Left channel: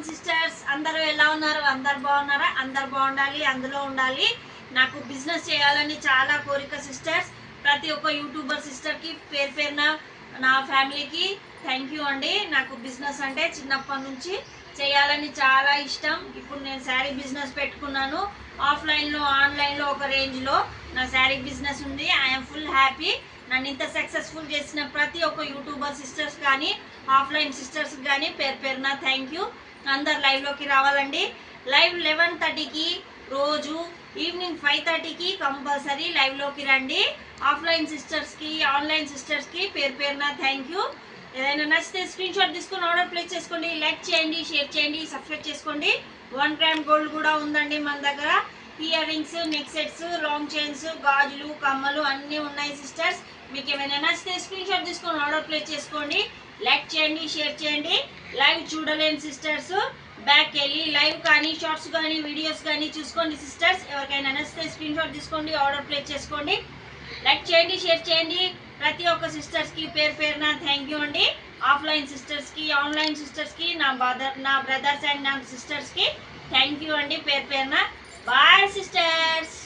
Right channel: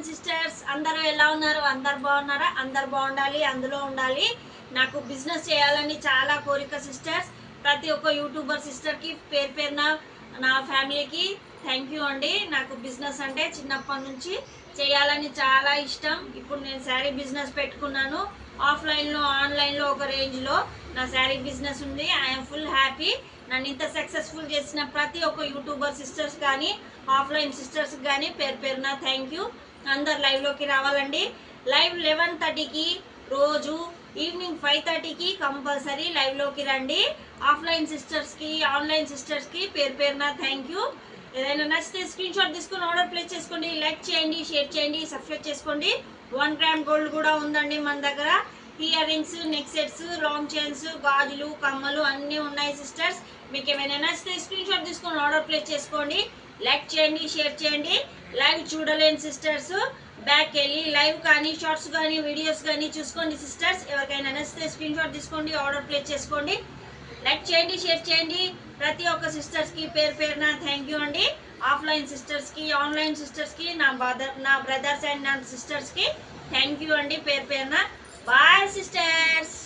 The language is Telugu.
ఎవ్రీవన్ సిస్టర్స్, అందరూ ఎలా ఉన్నారు? అందరు బాగున్నారా? అందరు బాగుండాలి, అందులో ఉండాలి. నాకు బిజినెస్ చేయాలని చాలా కోరిక సిస్టర్స్. ప్రతి ఒక్క యూట్యూబర్ సిస్టర్కి పేరు పేరున నా ఫ్యామిలీకి థ్యాంక్ యూ అండి. నాకు బిజినెస్ అంటే చిన్నప్పటి నుంచి చేయాలని చాలా ఇష్టం. ఇప్పుడు నేను శారీ బిజినెస్ పెట్టుకున్నాను. ఆఫ్లైన్లో ఆన్లైన్లో ఒక రేంజ్లో నా శారీ బిజినెస్ ఉంది. I'm full happy. నన్ను ఇంత సక్సెస్ఫుల్ చేసిన ప్రతి ఒక్క యూట్యూబర్ సిస్టర్స్ కానీ ఆఫ్లైన్ సిస్టర్స్ కానీ పేరు పేరున థ్యాంక్ యూ. అందరు లైవ్లోకి రావాలండి. లైవ్ 11:30కి రోజు, ఈవినింగ్ 5:30కి కంపల్సరీ లైవ్లోకి రండి. ఆఫ్లైన్ సిస్టర్స్కి ఆన్లైన్ సిస్టర్స్కి పేరు పేరున థ్యాంక్ యూ. ఏదైనా నచ్చితే స్క్రీన్ షాట్ తీసుకొని ఆర్డర్ ప్లేస్ చేసుకోండి. లైక్ చేయండి, షేర్ చేయండి, సబ్స్క్రైబ్ చేసుకోండి. 1 గ్రామ్ గోల్డ్ కూడా ఉందండి మన దగ్గర. Ear rings, neck sets, long chains, గాజులు, కమ్మలు అన్నీ ఉన్నాయి సిస్టర్స్. మీకు ఏమైనా నచ్చితే స్క్రీన్ షాట్ తీసుకొని ఆర్డర్ ప్లేస్ చేసుకోండి. లైక్ చేయండి, షేర్ చేయండి. లైవ్ చూడలేని సిస్టర్స్ బ్యాక్ వెళ్ళి లైవ్ కానీ షార్ట్స్ కానీ వీడియోస్ కానీ చూసుకోండి సిస్టర్స్. ఎవరికైనా నచ్చితే స్క్రీన్ షాట్ తీసుకోండి, ఆర్డర్ ప్లేస్ చేసుకోండి. లైక్ చేయండి, షేర్ చేయండి. ప్రతి ఒక్క సిస్టర్స్కి పేరు పేరున థ్యాంక్ యూ అండి. ఆఫ్లైన్ సిస్టర్స్కి ఆన్లైన్ సిస్టర్స్కి నా బ్రదర్స్ అండ్ నా సిస్టర్స్కి థ్యాంక్ యూ అండి పేరు పేరున. Bye sisters.